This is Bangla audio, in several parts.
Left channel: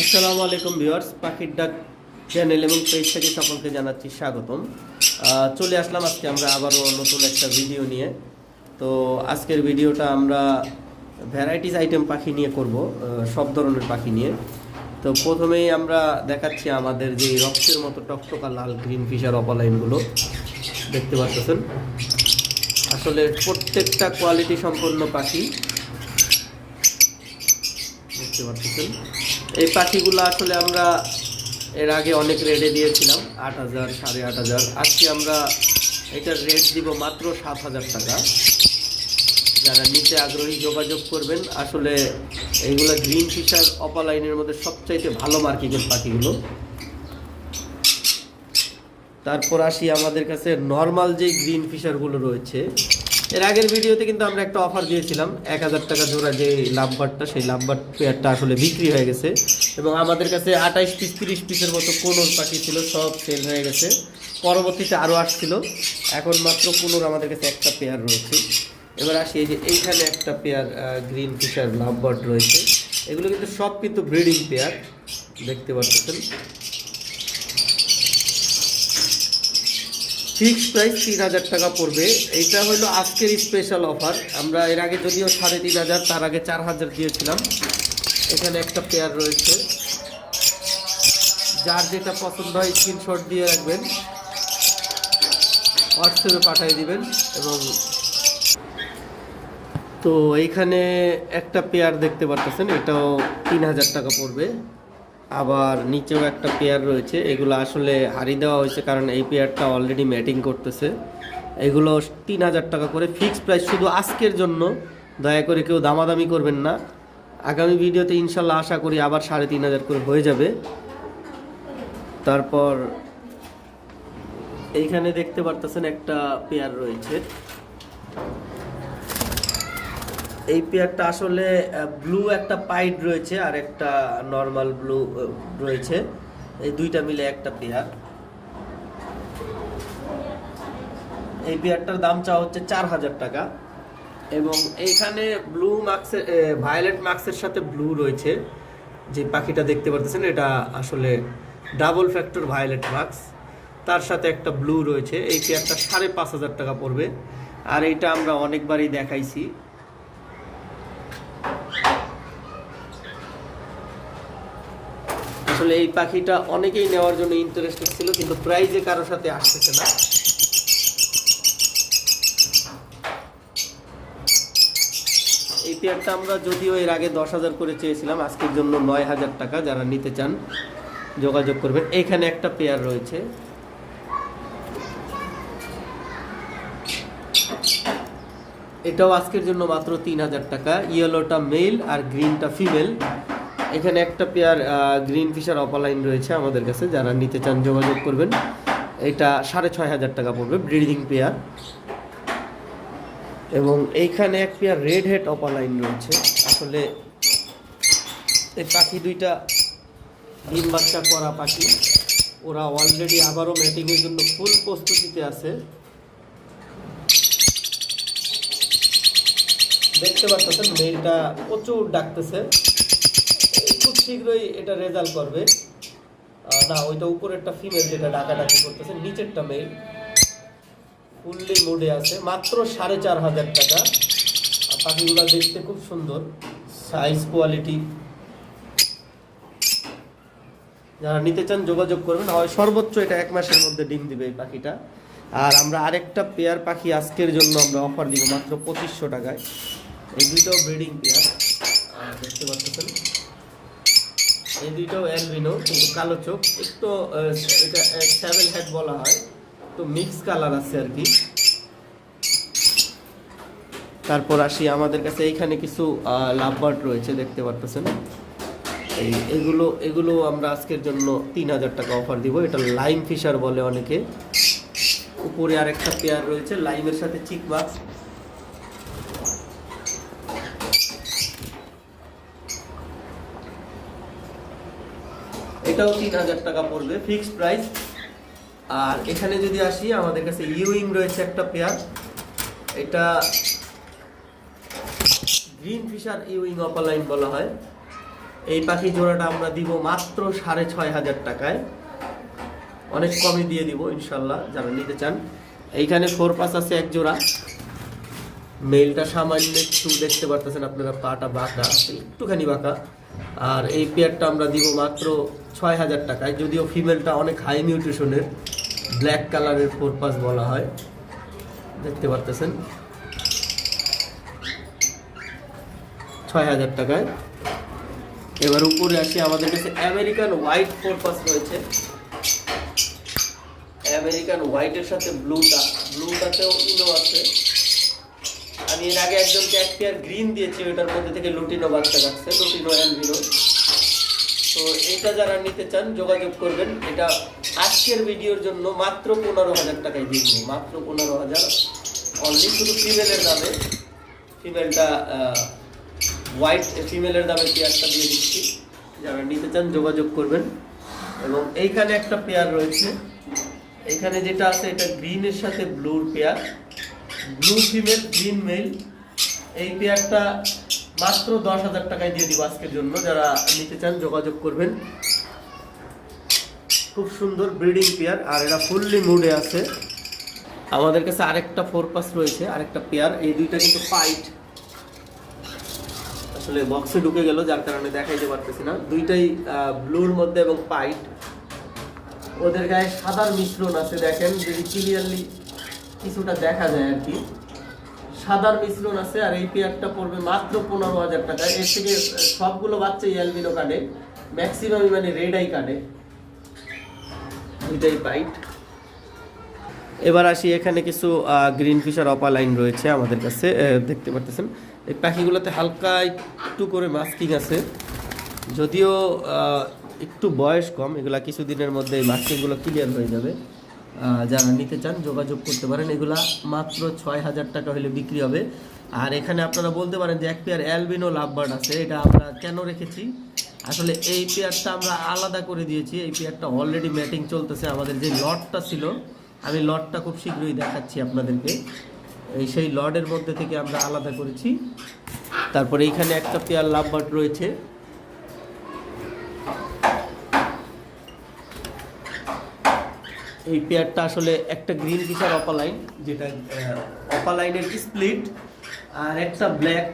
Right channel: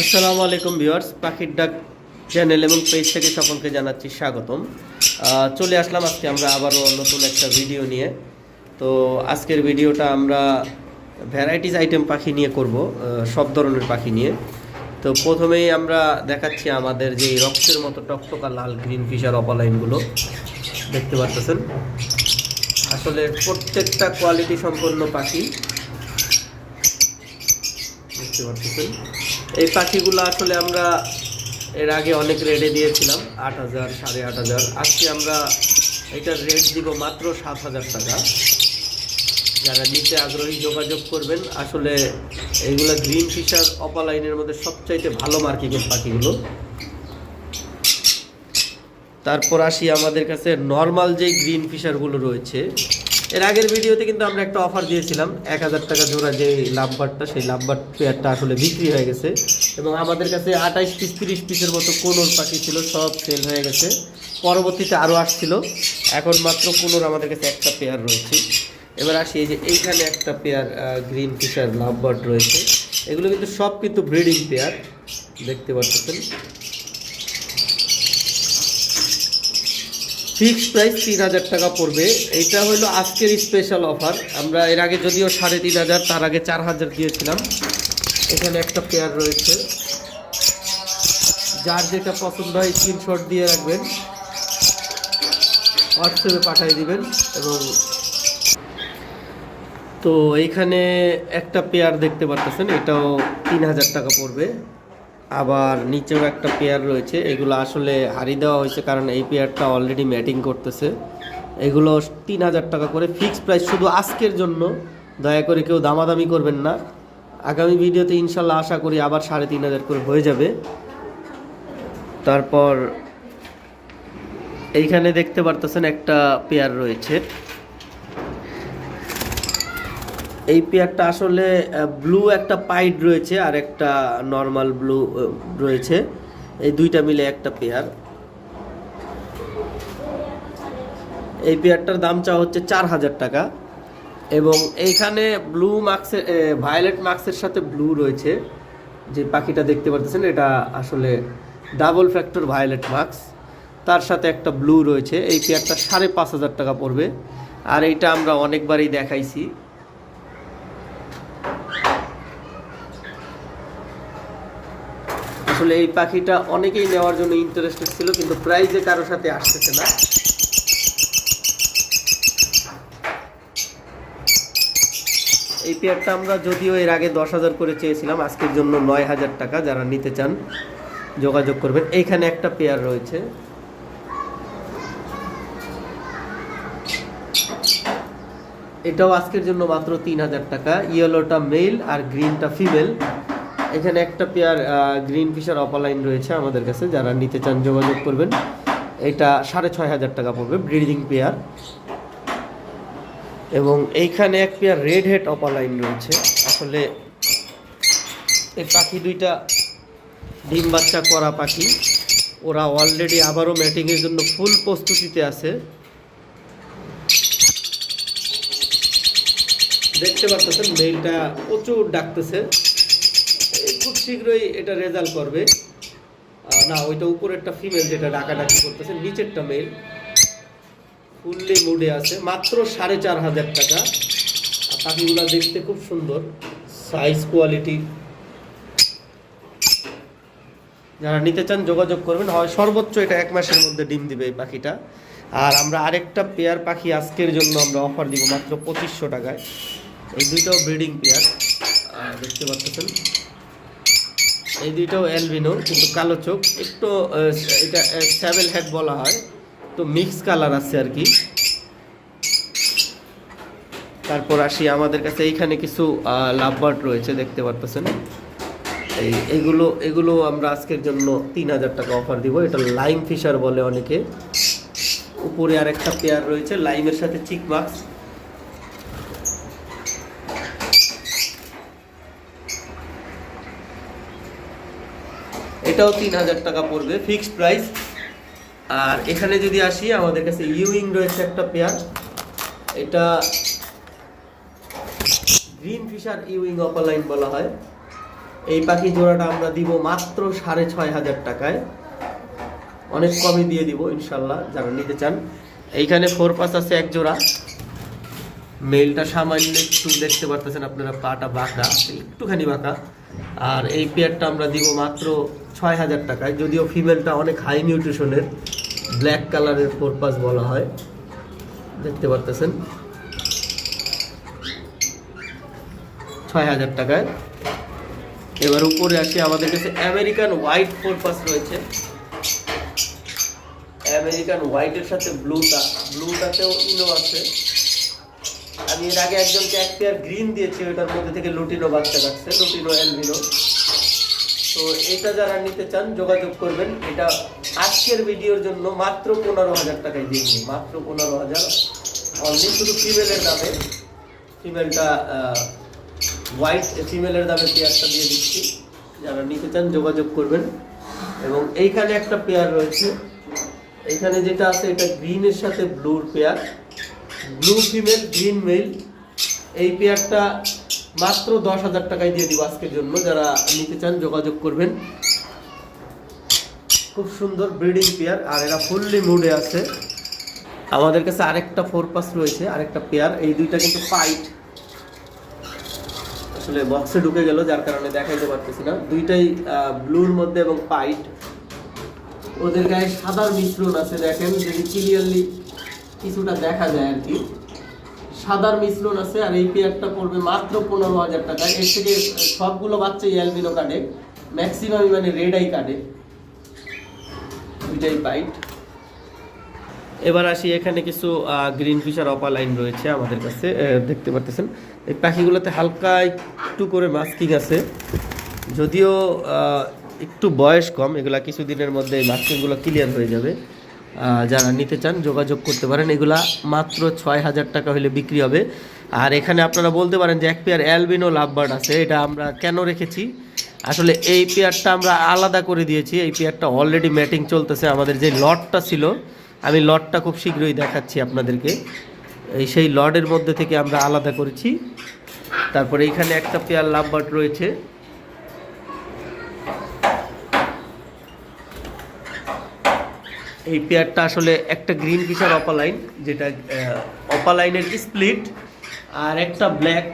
আসসালামু আলাইকুম ভিউয়ার্স, পাখির ডাক চ্যানেল এবং পেজ থেকে সকলকে জানাচ্ছি স্বাগতম। চলে আসলাম আজকে আমরা আবারও নতুন একটা ভিডিও নিয়ে। তো আজকের ভিডিওটা আমরা ভ্যারাইটিস আইটেম পাখি নিয়ে করব সব ধরনের পাখি নিয়ে। তো প্রথমেই আমরা দেখাচ্ছি আমাদের যে রক্তের মতো টকটকা লাল গ্রিন ফিশার অপালাইনগুলো। দেখতে পাচ্ছেন? আসলে প্রত্যেকটা কোয়ালিটি সম্পন্ন পাখি। দেখতে পাচ্ছেন? এই পাখিগুলো আসলে আমরা এর আগে অনেক রেটে দিয়েছিলাম, আট হাজার, সাড়ে আট হাজার। আজকে আমরা এটার রেট দিব মাত্র সাত হাজার টাকা। যারা নিতে আগ্রহী যোগাযোগ করবেন, আসলে এইগুলো গ্রিন ফিশার অপালাইনের মধ্যে সবচাইতে ভালো মার্কিংয়ের পাখিগুলো। তারপর আসি আমাদের কাছে নর্মাল যে গ্রিন ফিশারগুলো রয়েছে এর আগের ভিডিওতে কিন্তু আমরা একটা অফার দিয়েছিলাম, এক হাজার টাকা জোড়া যে লাভবারটা, সেই লাভবার পেয়ারটা আসলে বিক্রি হয়ে গেছে। এবং আমাদের কাছে আঠাইশ পিস তিরিশ পিসের মতো কোনোর পাখি ছিল, সব সেল হয়ে গেছে। পরবর্তীতে আরও আসছিল। এখন মাত্র কোনোর আমাদের কাছে একটা পেয়ার রয়েছে। এবার আসি, এই যে এইখানে একটা পেয়ার গ্রিন ফিশার লাভবার্ড রয়েছে। এগুলো কিন্তু সব কিন্তু ব্রিডিং পেয়ার দেখতে পাচ্ছেন। ফিক্সড প্রাইস তিন হাজার টাকা পড়বে। এইটা হলো আজকের স্পেশাল অফার আমরা এর আগে যদিও সাড়ে তিন হাজার, তার আগে চার হাজার দিয়েছিলাম। এখানে একটা পেয়ার রয়েছে। যার যেটা পছন্দ হয় স্ক্রিনশট দিয়ে রাখবেন। হোয়াটসঅ্যাপে পাঠিয়ে দিবেন এবং তো এইখানে একটা পেয়ার দেখতে পারতেছেন, এটাও তিন হাজার টাকা পড়বে। আবার নিচেও একটা পেয়ার রয়েছে। এগুলো আসলে হারি দেওয়া হয়েছে কারণ এই পেয়ারটা অলরেডি ম্যাটিং করতেছে। এগুলো তিন হাজার টাকা করে ফিক্সড প্রাইস শুধু আজকের জন্য। দয়া করে কেউ দামাদামি করবেন না। আগামী ভিডিওতে ইনশাল্লাহ আশা করি আবার সাড়ে তিন হাজার করে হয়ে যাবে। তারপর এইখানে দেখতে পারতেছেন একটা পেয়ার রয়েছে। এই পেয়ারটা আসলে ব্লু একটা পাইড রয়েছে আর একটা নর্মাল ব্লু রয়েছে। এই দুইটা মিলে একটা পেয়ার। এই পেয়ারটার দাম চাওয়া হচ্ছে চার হাজার টাকা। এবং এইখানে ব্লু মার্কসের ভায়োলেট মার্কসের সাথে ব্লু রয়েছে। যে পাখিটা দেখতে পারতেছেন, এটা আসলে ডাবল ফ্যাক্টর ভায়োলেট মার্কস তার সাথে একটা ব্লু রয়েছে। এই পেয়ারটা সাড়ে পাঁচ হাজার টাকা পড়বে। আর এইটা আমরা অনেকবারই দেখাইছি। আসলে এই পাখিটা অনেকেই নেওয়ার জন্য ইন্টারেস্টেড ছিল, কিন্তু প্রাইজে কারোর সাথে আসতেছে না। এই পেয়ারটা আমরা যদিও এর আগে দশ হাজার করে চেয়েছিলাম, আজকের জন্য নয় হাজার টাকা, যারা নিতে চান, যোগাযোগ করবেন। এইখানে একটা পেয়ার রয়েছে। এটাও আজকের জন্য মাত্র তিন হাজার টাকা। ইয়েলোটা মেল আর গ্রিনটা ফিমেল এখানে একটা পেয়ার গ্রিন ফিশার অপালাইন রয়েছে আমাদের কাছে, যারা নিতে চান যোগাযোগ করবেন। এটা সাড়ে ছয় হাজার টাকা পড়বে ব্রিডিং পেয়ার। এবং এইখানে এক পেয়ার রেড হেড অপালাইন রয়েছে। আসলে এই পাখি দুইটা ডিম বাচ্চা করা পাখি। ওরা অলরেডি আবারও ম্যাটিংয়ের জন্য ফুল প্রস্তুতিতে আছে। দেখতে পাচ্ছেন মেইলটা প্রচুর ডাকতেছে। শীঘ্রই এটা রেজাল্ট করবে। না, ওইটা উপরেরটা ফিমেল যেটা ডাকাডাকি করতেছে, নিচেরটা মেল ফুললি মুডে আছে, মাত্র সাড়ে চার হাজার টাকা। পাখিগুলো দেখতে খুব সুন্দর সাইজ কোয়ালিটি যারা নিতে চান, যোগাযোগ করবেন। হয় সর্বোচ্চ এটা এক মাসের মধ্যে ডিম দিবে এই পাখিটা। আর আমরা আরেকটা পেয়ার পাখি আজকের জন্য আমরা অফার দিব মাত্র পঁচিশশো টাকায়। এই দুইটাও ব্রিডিং পেয়ার দেখতে পাচ্ছেন। এই দুইটাও অ্যালবিনো, কিন্তু কালো চোখ। একটু এটা স্যাভেল হেড বলা হয়। তো মিক্স কালার আছে আর কি। তারপর আসি আমাদের কাছে, এইখানে কিছু লাভবার্ড রয়েছে, দেখতে পারতেছেন। এই, এগুলো এগুলো আমরা আজকের জন্য তিন হাজার টাকা অফার দিব। এটা লাইম ফিশার বলে অনেকে। উপরে আরেকটা পেয়ার রয়েছে লাইমের সাথে চিক এটাও তিন হাজার টাকা পড়বে ফিক্সড প্রাইস আর এখানে যদি আসি, আমাদের কাছে ইউইং রয়েছে একটা পেয়ার এটা গ্রিন ফিশার ইউইং অপালাইন বলা হয়। এই পাখি জোড়াটা আমরা দিব মাত্র সাড়ে ছয় হাজার টাকায়। অনেক কমে দিয়ে দিব, ইনশাল্লাহ, যারা নিতে চান। এইখানে ফোর পাস আছে এক জোড়া। মেলটা সামান্য একটু দেখতে পারতেছেন আপনারা, পাটা বাঁকা, একটুখানি বাঁকা। আর এই পেয়ারটা আমরা দিব মাত্র ছয় হাজার টাকায়, যদিও ফিমেলটা অনেক হাই নিউট্রিশনের ব্ল্যাক কালারের ফোর পাস বলা হয়। দেখতে পারতেছেন? ছয় হাজার টাকায়। এবার উপরে আসি, আমাদের কাছে আমেরিকান হোয়াইট ফোর পাস রয়েছে। আমেরিকান হোয়াইটের সাথে ব্লুটা ব্লুটাতেও ইনো আছে। আমি এর আগে একজনকে এক পেয়ার গ্রিন দিয়েছি, ওইটার মধ্যে থেকে লুটিনো বাচ্চা কাটছে, লুটিনো অ্যালবিনো। তো এটা যারা নিতে চান, যোগাযোগ করবেন। এটা আজকের ভিডিওর জন্য মাত্র পনেরো হাজার টাকায় দিয়ে মাত্র পনেরো হাজার। অনলি শুধু ফিমেলের দামে। ফিমেলটা হোয়াইট ফিমেলের দামে পেয়ারটা দিয়ে দিচ্ছি। যারা নিতে চান, যোগাযোগ করবেন। এবং এইখানে একটা পেয়ার রয়েছে। এখানে যেটা আছে, এটা গ্রিনের সাথে ব্লুর pair blue female green male এই পেয়ারটা মাত্র দশ হাজার টাকায় দিয়ে দিব আজকের জন্য। যারা নিতে চান যোগাযোগ করবেন। খুব সুন্দর ব্রিডিং পেয়ার, আর এরা ফুললি মুডে আছে। আমাদের কাছে আরেকটা ফোর পাস রয়েছে, আরেকটা পেয়ার। এই দুইটা কিন্তু পাইট আসলে বক্সে ঢুকে গেল, যার কারণে দেখাইতে পারতেছি না। দুইটাই ব্লুর মধ্যে এবং পাইট ওদের গায়ে সাদার মিশ্রণ আছে, দেখেন, যদি ক্লিয়ারলি কিছুটা দেখা যায় আর কি। সাদার মিশ্রণ আছে আর এই পেয়ারটা পড়বে মাত্র পনেরো হাজার টাকা। এর থেকে সবগুলো বাচ্চা অ্যালবিনো কাটে ম্যাক্সিমামই মানে রেড আই কার্ডে দুইটাই পাইট এবার আসি, এখানে কিছু গ্রিন ফিশার অপা লাইন রয়েছে আমাদের কাছে দেখতে পাচ্ছেন এই পাখিগুলোতে হালকা একটু করে মাস্কিং আছে। যদিও একটু বয়স কম, এগুলা কিছুদিনের মধ্যে এই মাস্কিংগুলো ক্লিয়ার হয়ে যাবে। যারা নিতে চান, যোগাযোগ করতে পারেন। এগুলা মাত্র ছয় হাজার টাকা হলে বিক্রি হবে। আর এখানে আপনারা বলতে পারেন যে এক পেয়ার অ্যালবিনো লাভবার্ড আছে। এটা আমরা কেন রেখেছি? আসলে এই পেয়ারটা আমরা আলাদা করে দিয়েছি। এই পেয়ারটা অলরেডি ম্যাটিং চলতেছে। আমাদের যে লটটা ছিল, আমি লটটা খুব শীঘ্রই দেখাচ্ছি আপনাদেরকে। এই সেই লডের মধ্যে থেকে আমরা আলাদা করেছি। তারপরে এইখানে একটা পেয়ার লাভবার্ড রয়েছে। এই পেয়ারটা আসলে একটা গ্রিন ফিচার অপালাইন, যেটা অপালাইনের স্প্লিট আর একটা ব্ল্যাক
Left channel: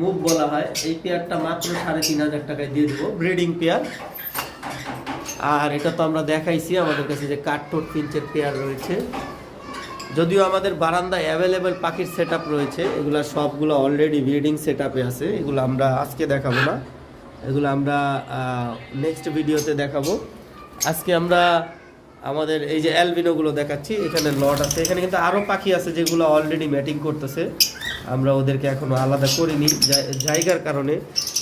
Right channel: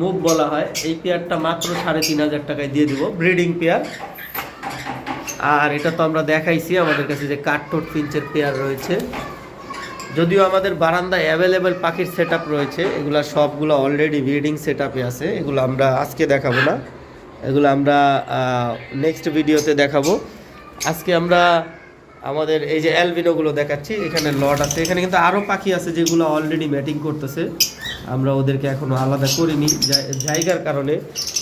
মুভ বলা হয়। এই পেয়ারটা মাত্র সাড়ে তিন হাজার টাকায় দিয়ে দেবো, ব্রিডিং পেয়ার। আর এটা তো আমরা দেখাইছি আমাদের কাছে যে কাঠটোট পিঞ্চের পেয়ার রয়েছে। যদিও আমাদের বারান্দায় অ্যাভেলেবেল পাখির সেট রয়েছে, এগুলো সবগুলো অলরেডি ব্রিডিং সেট আছে, এগুলো আমরা আজকে দেখাবো না। এগুলো আমরা নেক্সট ভিডিওতে দেখাবো। আজকে আমরা আমাদের এই যে অ্যালবিনোগুলো দেখাচ্ছি, এখানে লট আছে। এখানে কিন্তু আরও পাখি আছে যেগুলো অলরেডি ম্যাটিং করতেছে। আমরা ওদেরকে এখনও আলাদা করিনি জায়- জায়গার কারণে,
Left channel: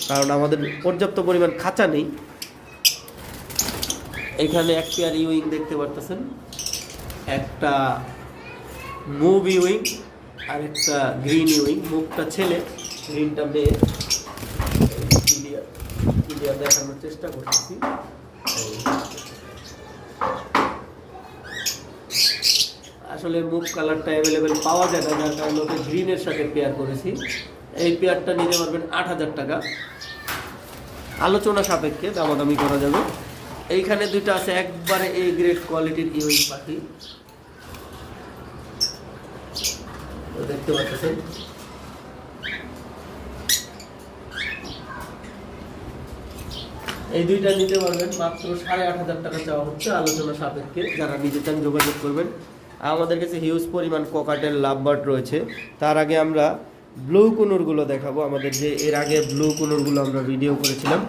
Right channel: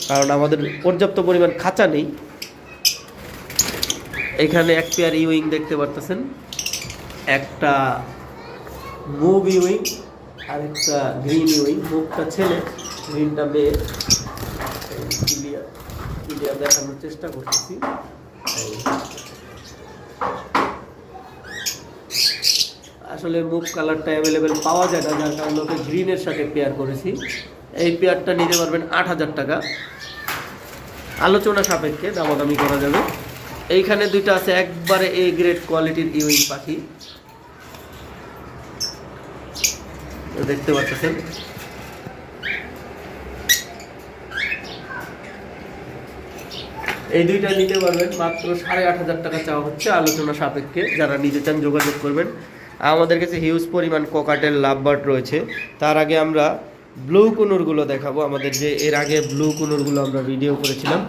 কারণ আমাদের পর্যাপ্ত পরিমাণ খাঁচা নেই। এখানে এক পেয়ার ইউইং দেখতে পারতেছেন। একটা মুভ ইউইং আর একটা গ্রিন ইউইং মুভটা ছেলে গ্রিনটা মেয়ে। ক্লিয়ার ক্লিয়ার দেখানোর চেষ্টা করতেছি। আসলে মুভ কালারটা অ্যাভেলেবেল পাওয়া যায় না, যার কারণে ওকে গ্রিনের সাথে পেয়ার করেছি। এই পেয়ারটা নিতে পারবেন আট হাজার টাকা। আলোচনা সাপেক্ষে দামাদামি করা যাবে। এইখানে দুইটা আছে, একবারে এ গ্রেড কোয়ালিটির ইউইং পাখি। দেখতে পাচ্ছেন। এই দুইটা নিতে পারবেন, মাত্র সাড়ে আট হাজার টাকা চাওয়া হচ্ছে আলোচনা সাপেক্ষে। যারা নিতে চান যোগাযোগ করবেন আমাদের কাছে হিউজ পরিমাণ কোকাটেল লাভবার্ড রয়েছে। তার আগে আমরা ব্লু কুনুরগুলো দেখাবো। আমাদের যে এর আগে ব্লু কুনুরগুলো আমরা ভিডিও করেছিলাম,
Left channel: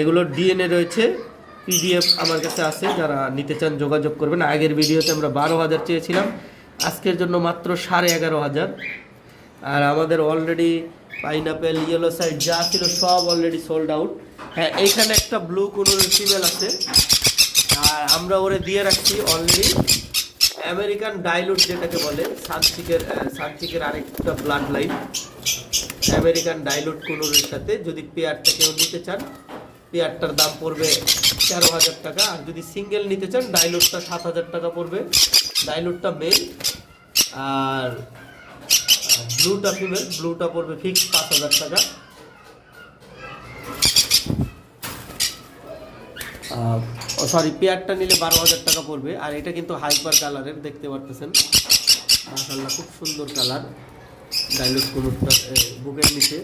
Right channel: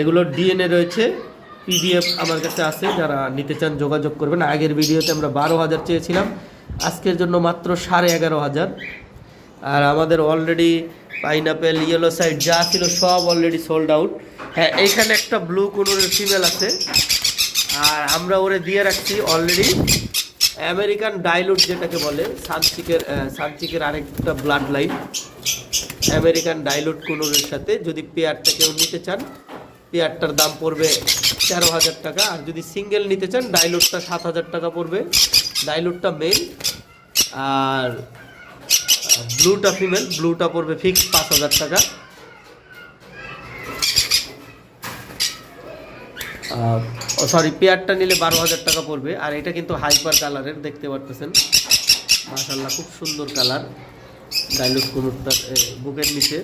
এগুলোর ডিএনএ রয়েছে। পিডিএফ আমার কাছে আছে, যারা নিতে চান যোগাযোগ করবেন। আগের ভিডিওতে আমরা বারো হাজার চেয়েছিলাম, আজকের জন্য মাত্র সাড়ে এগারো হাজার। আর আমাদের অলরেডি পাইনাপেল ইয়েলো সাইড যা ছিল সব অলরেডি সোল্ড আউট হ্যাঁ এইখানে একটা ব্লু কুনুরের ফিমেল আছে। আর আমরা ওরে দিয়ে রাখছি অলরেডি আমেরিকান ডাইলুট যেটাকে বলে সানচিকের সানচিকের আরেকটা ব্লাড লাইন আমেরিকান ডাইলুট কোনোরের সাথে যদি পেয়ারটা কেউ নিতে চান পেয়ারটার দাম পড়বে তেরো হাজার টাকা। আর যদি সিঙ্গেল নিতে চান ডাইলুটটা সাত হাজার টাকা পড়বে। ডাইলুটটা মেল আর ব্লুটা ফিমেল ব্লুটা পড়বে ফিক্স পাঁচ হাজার টাকা। সরি পেয়ারটা নিলে বারো হাজার টাকা পড়বে, আর এটা কিন্তু হাইপার কালারের দেখতে পারতেছেন। মাশাল্লাহ খুব সুন্দর কালার ডাইলুট কোনোরটা বুকের নিচে।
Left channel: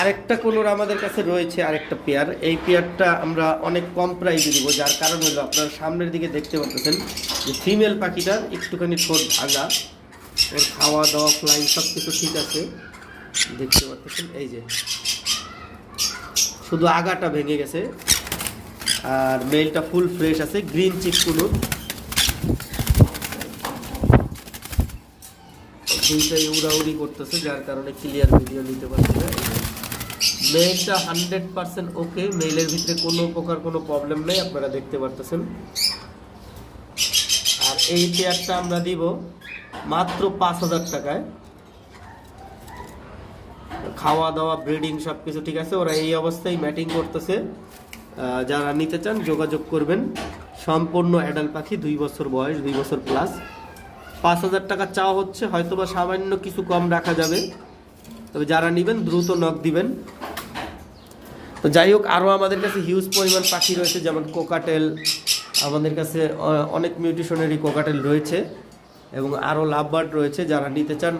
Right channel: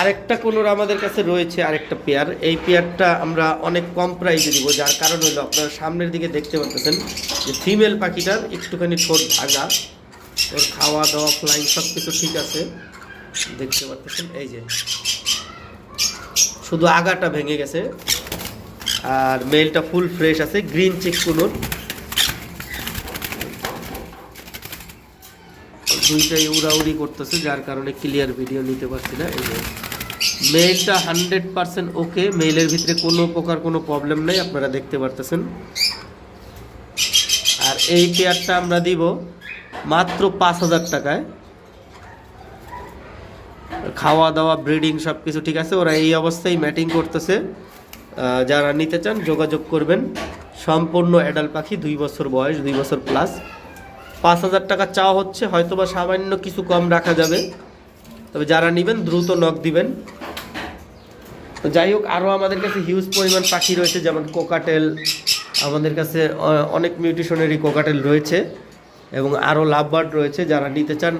আরেকটা কোনোর আমাদের কাছে রয়েছে, আরেকটা পেয়ার। এই পেয়ারটা আমরা অনেক কম প্রাইসে দিব, যার কারণ হলো আপনারা সামনের দিকে দেখতে পাচ্ছেন যে ফিমেল পাখিটার একটুখানি ঠোঁট ভাঙা, ওর খাওয়া দাওয়া ফ্লাইং সব কিছু ঠিক আছে। দেখতে পাচ্ছেন এই যে। শুধু আগাটা ভেঙে গেছে। আর মেলটা ফুল ফ্রেশ আছে গ্রিন চিক দুইটাই উড়াউড়ি করতেছে, যার কারণে ক্লিয়ার ভিডিও নিতে পারছি না। মেলটা হান্ড্রেড পার্সেন্ট ওকে মেলের ভিতরে কোনো প্রকার কোনো প্রবলেম নেই, আপনারা দেখতে পারতেছেন। আর এই পেয়ারটা আমরা দিব মাত্র পাঁচ হাজার টাকায়। খাওয়া দাওয়া ব্রিডিং সব কিছু ঠিক আছে, ওরা এই অবস্থায় ম্যাটিং করতেছে। যারা নিতে চান, যোগাযোগ করবেন। সম্পূর্ণ অ্যাডাল পাখি, দুই বছর বয়স, দুই বছর প্লাস পাঁচ হাজার টাকা চাওয়া হচ্ছে হয়তো বা সামান্য কিছু কম রাখা যাবে। তবে যারা নেবেন, দ্রুত নখ দিবেন। তো যাই হোক, আরও আমাদের কাছে হিউজ পরিমাণ পাখি রয়েছে, যেমন কোকাটেল আমাদের কাছে অনেক মিউটিশনেরই কোকাটেল রয়েছে। এবং আরও লাভবার্ড রয়েছে, যারা নিতে চান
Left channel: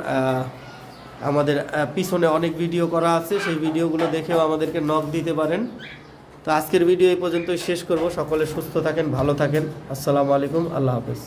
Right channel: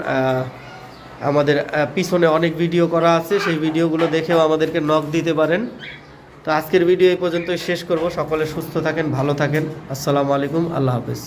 আমাদের পিছনে অনেক ভিডিও করা আছে, সেই ভিডিওগুলো দেখেও আমাদেরকে নখ দিতে পারেন। তো আজকের ভিডিও এই পর্যন্তই শেষ করব। সকলে সুস্থ থাকেন, ভালো থাকেন। আসসালামু আলাইকুম, আল্লাহ হাফেজ।